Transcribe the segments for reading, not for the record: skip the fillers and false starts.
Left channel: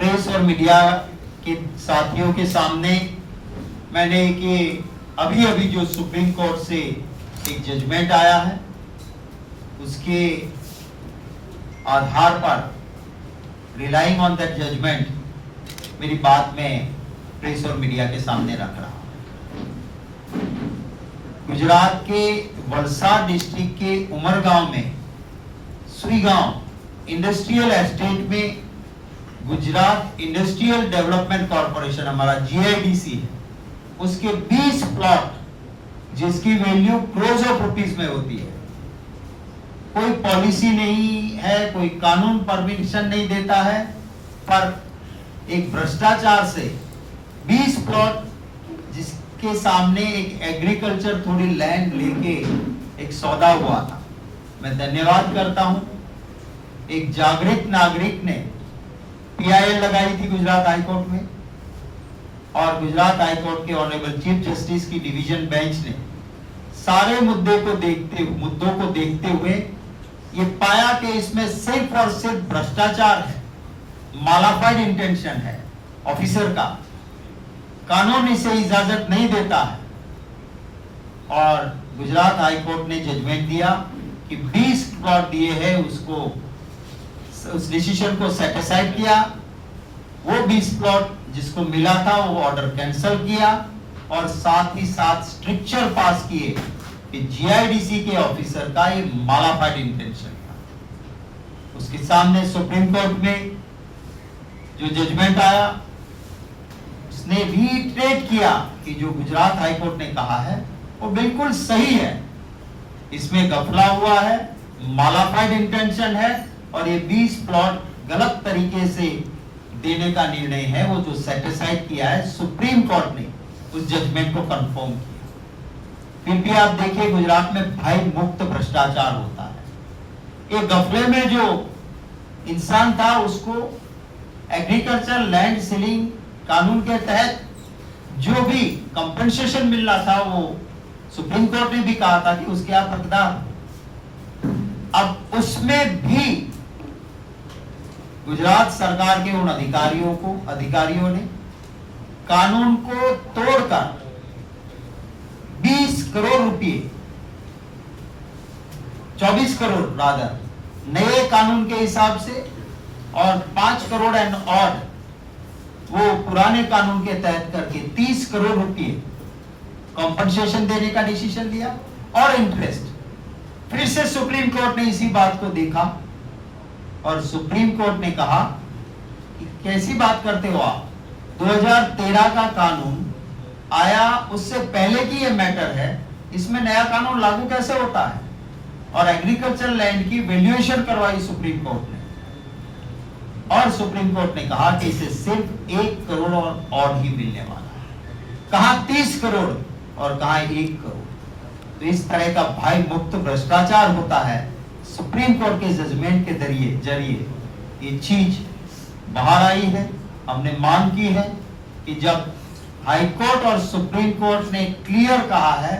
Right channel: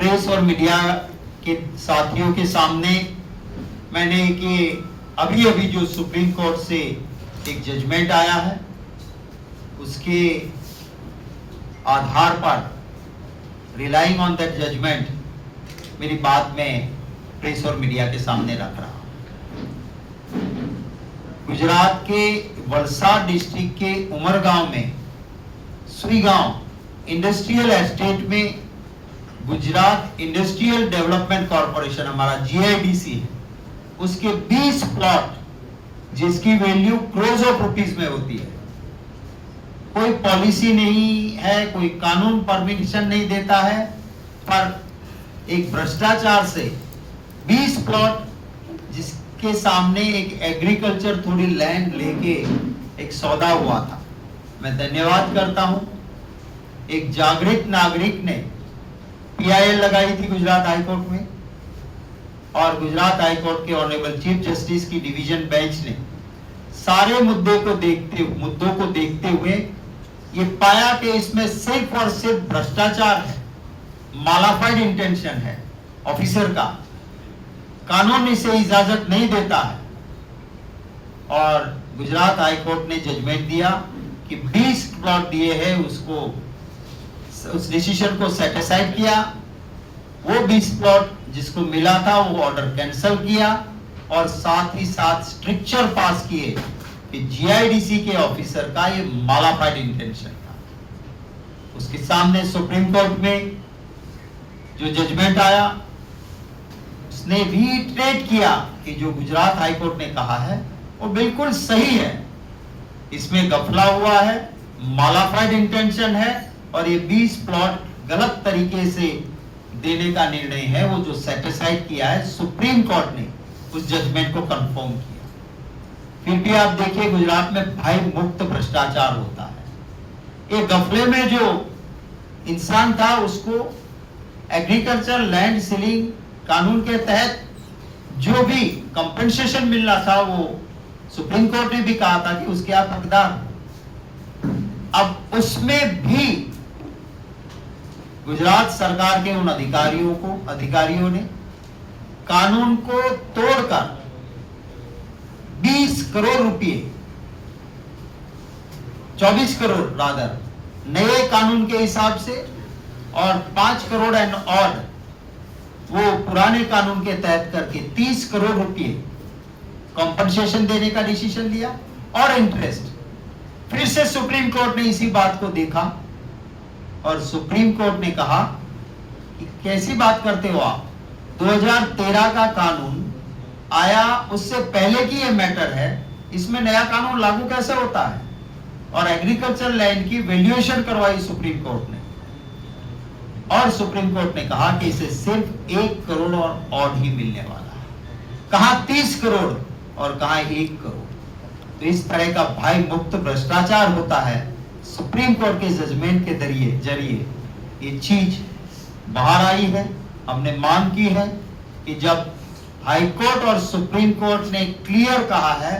Press और media के साथियों के सामने मैंने कि अभी जो सुप्रीम कोर्ट से एक जजमेंट आया है उसके आधार पर रिलाइंग ऑन दैट जजमेंट मेरी बात में प्रेस और मीडिया के सामने रख रहा हूं। गुजरात के वलसाड डिस्ट्रिक्ट के उमरगांव में सुईगांव इंडस्ट्रियल एस्टेट में गुजरात इंडस्ट्रियल डेवलपमेंट कॉर्पोरेशन हमारा GIDC है, उसके 20 प्लॉट जिसकी वैल्यू क्रोर्स ऑफ रुपीस में होती है। कोई पॉलिसी नहीं है, कोई कानून परमिशन नहीं देता है, पर एक भ्रष्टाचार से 20 प्लॉट जिसके सामने एक एग्रीकल्चर थोड़ी लैंड लेके एक सौदा हुआ था। मैं धन्यवाद करता हूं, एक जागृत नागरिक ने PIL लगाई थी गुजरात हाईकोर्ट में और गुजरात हाईकोर्ट के ऑनरेबल चीफ जस्टिस की डिवीजन बेंच ने सारे मुद्दों को देखते हुए ये पाया कि इसमें सिर्फ और सिर्फ भ्रष्टाचार है, मालाफाइड इंटेंशन है ऑफिसर का, कानून इसे इजाजत नहीं देता है। और गुजरात हाईकोर्ट ने जजमेंट दिया कि 20 प्लॉट दिए हैं, उसको उस डिसीजन को सेटिस्फाइड किया। वो 20 प्लॉट जिसको मिला था वो ऑर्डर कैंसिल किया और साथ ही साथ स्ट्रिक्चर पास किए कि GIDC के ऑफिसर का ये मालाफाइड इंटेंशन था। उसके सामने सुप्रीम कोर्ट में जो जजमेंट आया उसने रीइटरेट किया कि जो गुजरात हाईकोर्ट ने कहा है वो बिल्कुल सही है, इसमें गफला हुआ है, मालाफाइड इंटेंशन है और ये 20 प्लॉट गलत तरीके से देने का निर्णय है वो जो सेटिस्फाइड किया है। सुप्रीम कोर्ट ने उस जजमेंट को कंफर्म किया। फिर भी आप देखिए गुजरात में भय मुक्त भ्रष्टाचार होता है। एक गफले में जो इंसान था उसको एग्रीकल्चर लैंड सीलिंग कानून के तहत जो भी कंपनसेशन मिलना था वो सुप्रीम कोर्ट ने भी कहा था कि उसके आप हकदार। अब उसमें भी गुजरात सरकार के उन अधिकारियों ने कानून को तोड़कर 20 करोड़ रुपए 24 करोड़ रादर नए कानून के हिसाब से और 5 करोड़ एंड ऑड वो पुराने कानून के तहत करके 30 करोड़ रुपए कॉम्पनसेशन देने का डिसीजन लिया और इंटरेस्ट। फिर से सुप्रीम कोर्ट ने इसी बात को देखा और सुप्रीम कोर्ट ने कहा कि कैसी बात करते हो आप, 2013 का कानून आया, उससे पहले की ये मैटर है, इसमें नया कानून लागू कैसे होता है। और एग्रीकल्चर लैंड की वैल्यूएशन करवाई सुप्रीम कोर्ट ने और सुप्रीम कोर्ट ने कहा कि इसे सिर्फ 1 करोड़ और ऑड ही मिलने वाला है। कहा 30 करोड़ और कहा 1 करोड़। तो इस तरह का भय मुक्त भ्रष्टाचार होता है। सुप्रीम कोर्ट के जजमेंट के जरिए ये चीज बाहर आई है। हमने मांग की है कि जब हाई कोर्ट और सुप्रीम कोर्ट ने क्लियर कहा है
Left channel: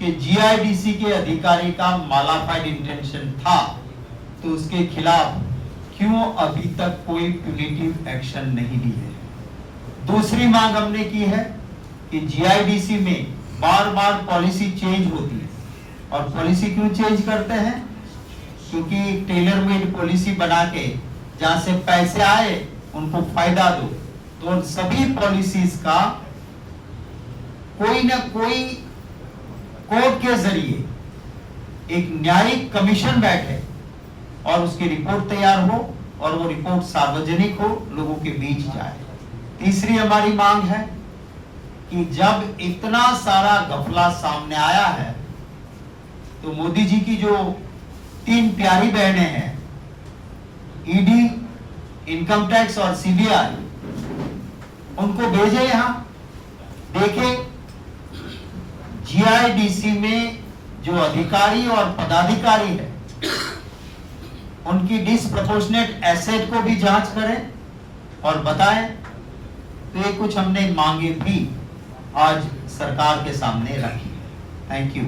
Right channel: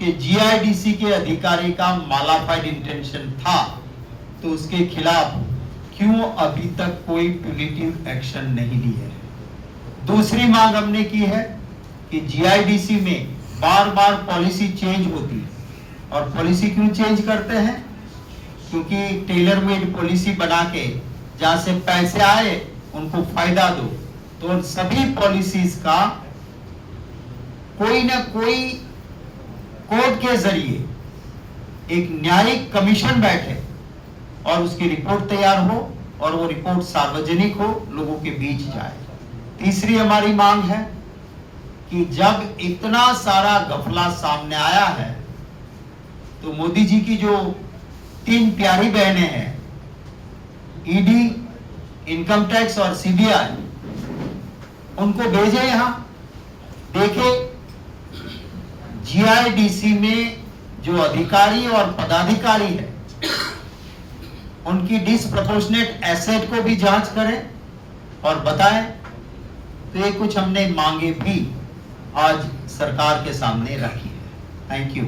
कि GIDC के अधिकारी का मालाफाइड इंटेंशन था तो उसके खिलाफ क्यों अभी तक कोई प्यूनिटिव एक्शन नहीं ली है। दूसरी मांग हमने की है कि GIDC में बार बार पॉलिसी चेंज होती है और पॉलिसी क्यों चेंज करते हैं, क्योंकि टेलर मेड पॉलिसी बना के जहां से पैसे आए उनको फायदा दो। तो सभी पॉलिसीज का कोई ना कोई कोर्ट के जरिए एक न्यायिक कमीशन बैठे और उसकी रिपोर्ट तैयार हो और वो रिपोर्ट सार्वजनिक हो, लोगों के बीच जाए। तीसरी हमारी मांग है कि जब इतना सारा घपला सामने आया है तो मोदी जी की जो 3 प्यारी बहनें हैं, ED, इनकम टैक्स और CBI, उनको भेजे यहां देखे GIDC में जो अधिकारी और पदाधिकारी है उनकी डिसप्रोपोर्शनेट एसेट को भी जांच करें और बताएं। तो ये कुछ हमने मांगे भी आज सरकार के सामने रखी है। Thank you.